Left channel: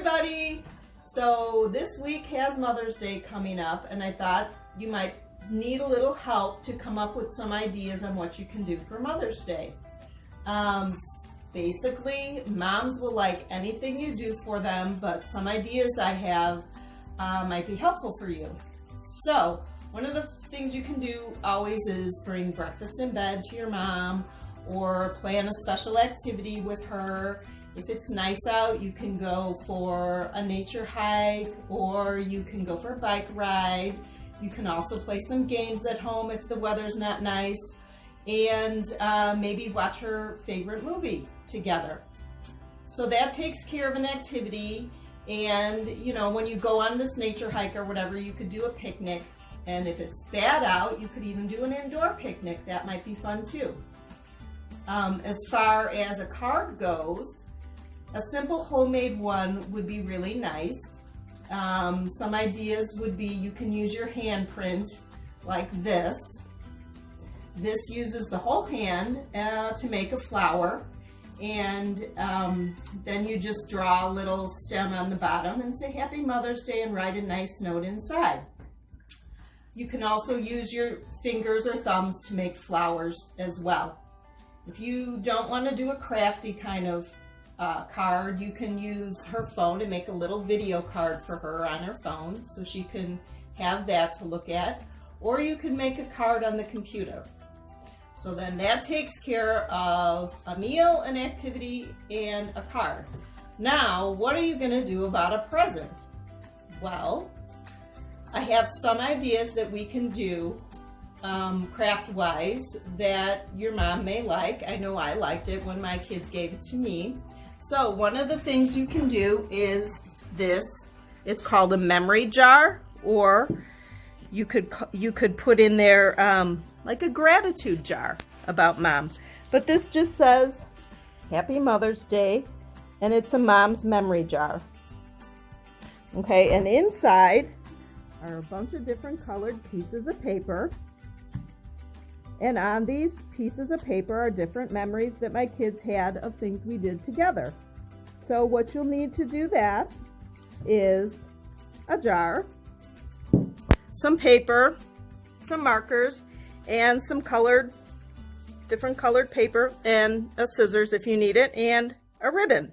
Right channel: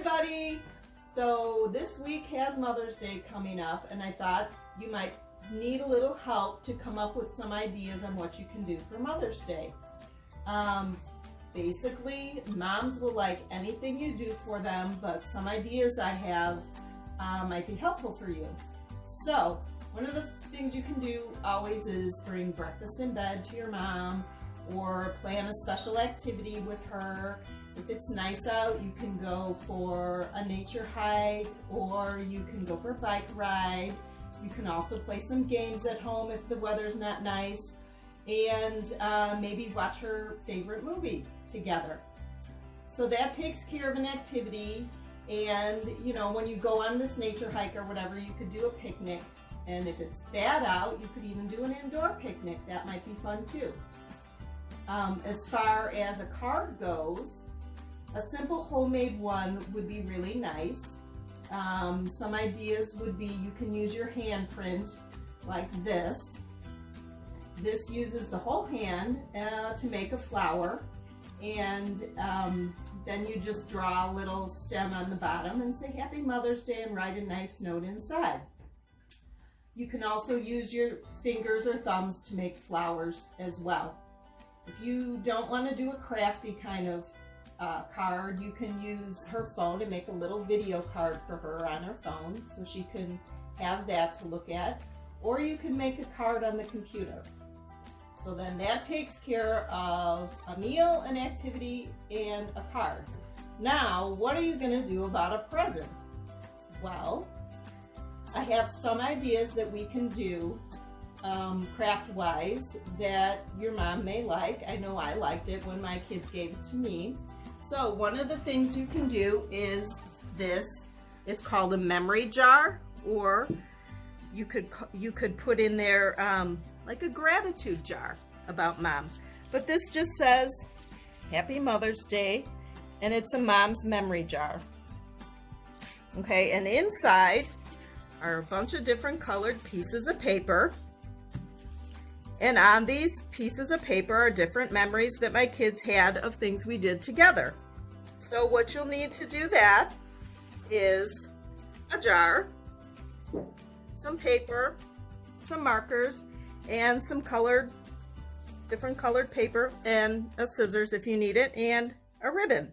everybody! So this week has Mother's Day coming up, and I thought you might need a little help to come up with some ideas on what you can do for Mother's Day. Basically, moms will like anything you do for them, but some ideas I have might be helpful for you. So one of the things you can do always is bring breakfast in bed to your mom, or plan a special activity with her. If it's nice out, you can go for a nature hike, or you can go for a bike ride. You can also play some games at home if the weather's not nice, and maybe watch her favorite movie together. So that takes care of an activity. And you know, when you go on this nature hike or whatever, you could do a picnic. And if it's bad out, you could even do an indoor picnic. That might be fun too. As far as a card goes, a simple homemade one would be really nice. Some ideas would be you can use your handprint like this. This uses the whole hand to make a flower, and then you just draw a little stem on the bottom and say Happy Mother's Day and write a nice note inside. You can also use your fingers or thumbs to make flowers as well. If you don't want to do a crafty kind of card, you can use her phone and make a little video card for her on her phone so she can have that to look at, or you can make a card on the computer. So then that takes care of a meal, an activity, and a card. Now, what are you going to do about a present? Well, I have some ideas that we can do craft-wise that your mom may like. I know I liked it when my kids gave it to me. So one of the things you can do is this. It's called a memory jar, or you could put in there like a gratitude jar about mom. But this just says Happy Mother's Day, and it's a mom's memory jar. Okay, and inside are a bunch of different colored pieces of paper. And on these pieces of paper are different memories that my kids had of things we did together. So what you'll need to do that is a jar, some paper, some markers, and some different colored paper, and a scissors if you need it, and a ribbon.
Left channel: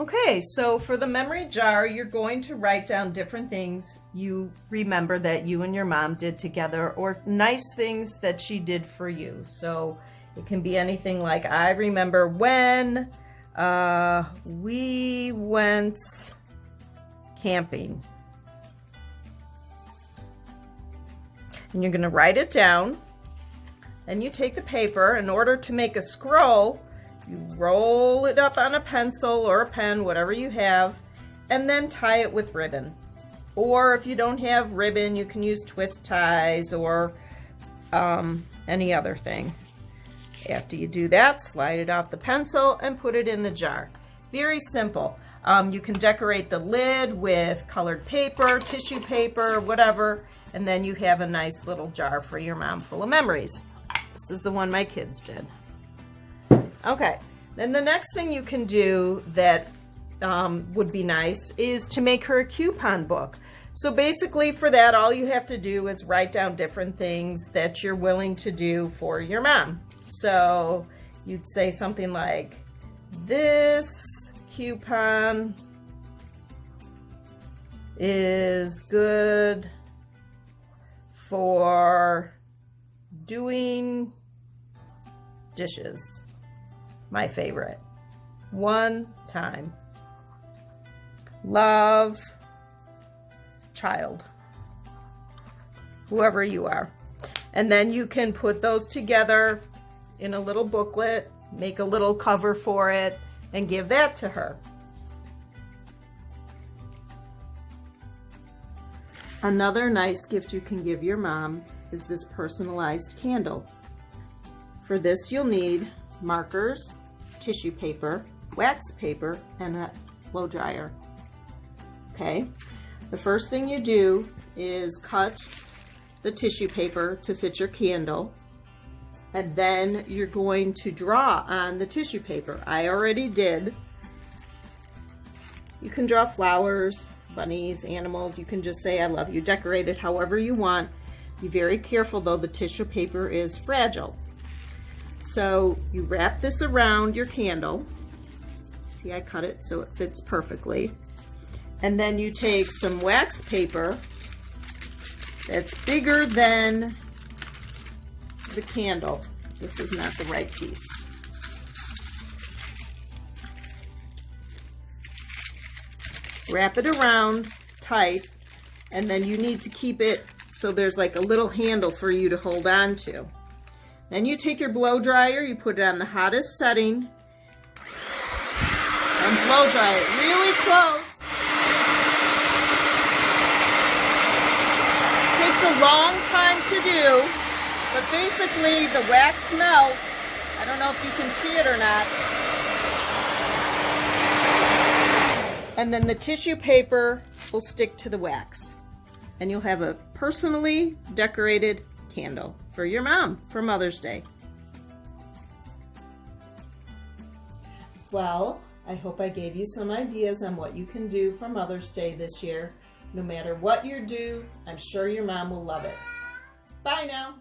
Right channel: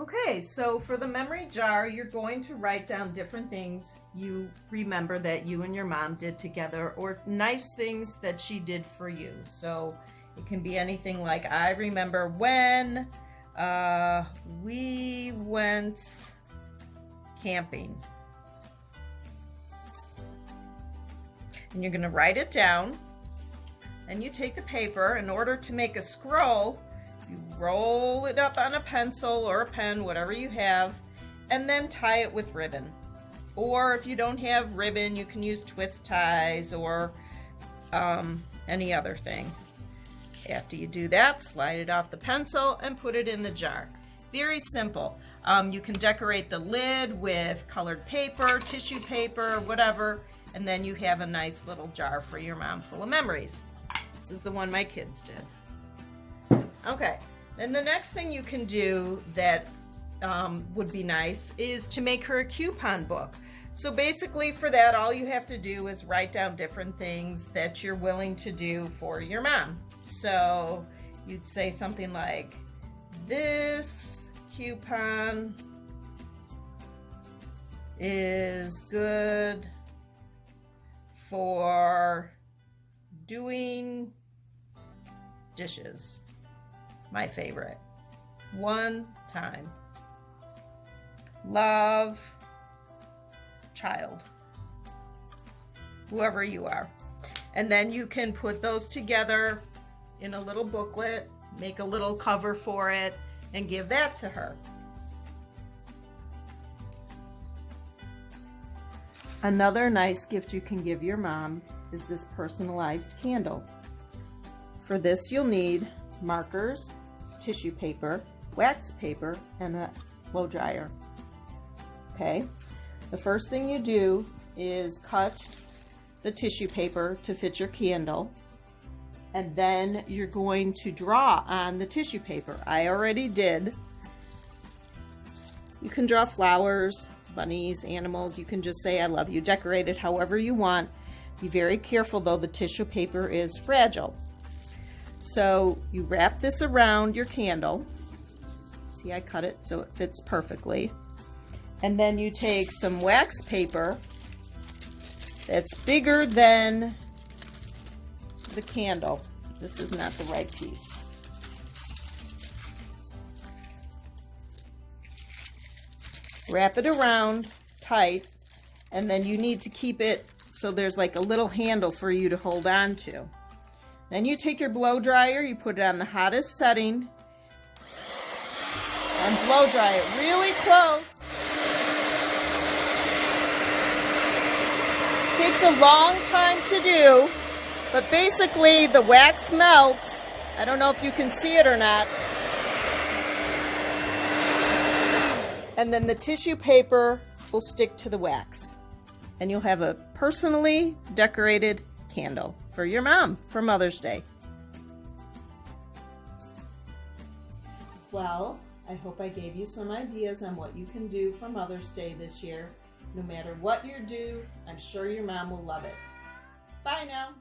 Okay, so for the memory jar, you're going to write down different things you remember that you and your mom did together, or nice things that she did for you. So it can be anything like, I remember when we went camping. And you're going to write it down, and you take the paper. In order to make a scroll, you roll it up on a pencil or a pen, whatever you have, and then tie it with ribbon. Or if you don't have ribbon, you can use twist ties or any other thing. After you do that, slide it off the pencil and put it in the jar. Very simple. You can decorate the lid with colored paper, tissue paper, whatever, and then you have a nice little jar for your mom full of memories. This is the one my kids did. Okay, then the next thing you can do that would be nice is to make her a coupon book. So basically for that, all you have to do is write down different things that you're willing to do for your mom. So you'd say something like, this coupon is good for doing dishes. My favorite. One time. Love, child. Whoever you are. And then you can put those together in a little booklet, make a little cover for it, and give that to her. Another nice gift you can give your mom is this personalized candle. For this, you'll need markers, tissue paper, wax paper, and a blow dryer. Okay, the first thing you do is cut the tissue paper to fit your candle, and then you're going to draw on the tissue paper. I already did. You can draw flowers, bunnies, animals. You can just say, I love you. Decorate it however you want. Be very careful though, the tissue paper is fragile. So you wrap this around your candle. See, I cut it so it fits perfectly. And then you take some wax paper that's bigger than the candle. This is not the right piece. Wrap it around tight, and then you need to keep it so there's like a little handle for you to hold on to. Then you take your blow dryer, you put it on the hottest setting, and blow dry it really close. Takes a long time to do, but basically the wax melts. I don't know if you can see it or not. And then the tissue paper will stick to the wax. And you'll have a personally decorated candle for your mom for Mother's Day. Well, I hope I gave you some ideas on what you can do for Mother's Day this year. No matter what you do, I'm sure your mom will love it. Bye now.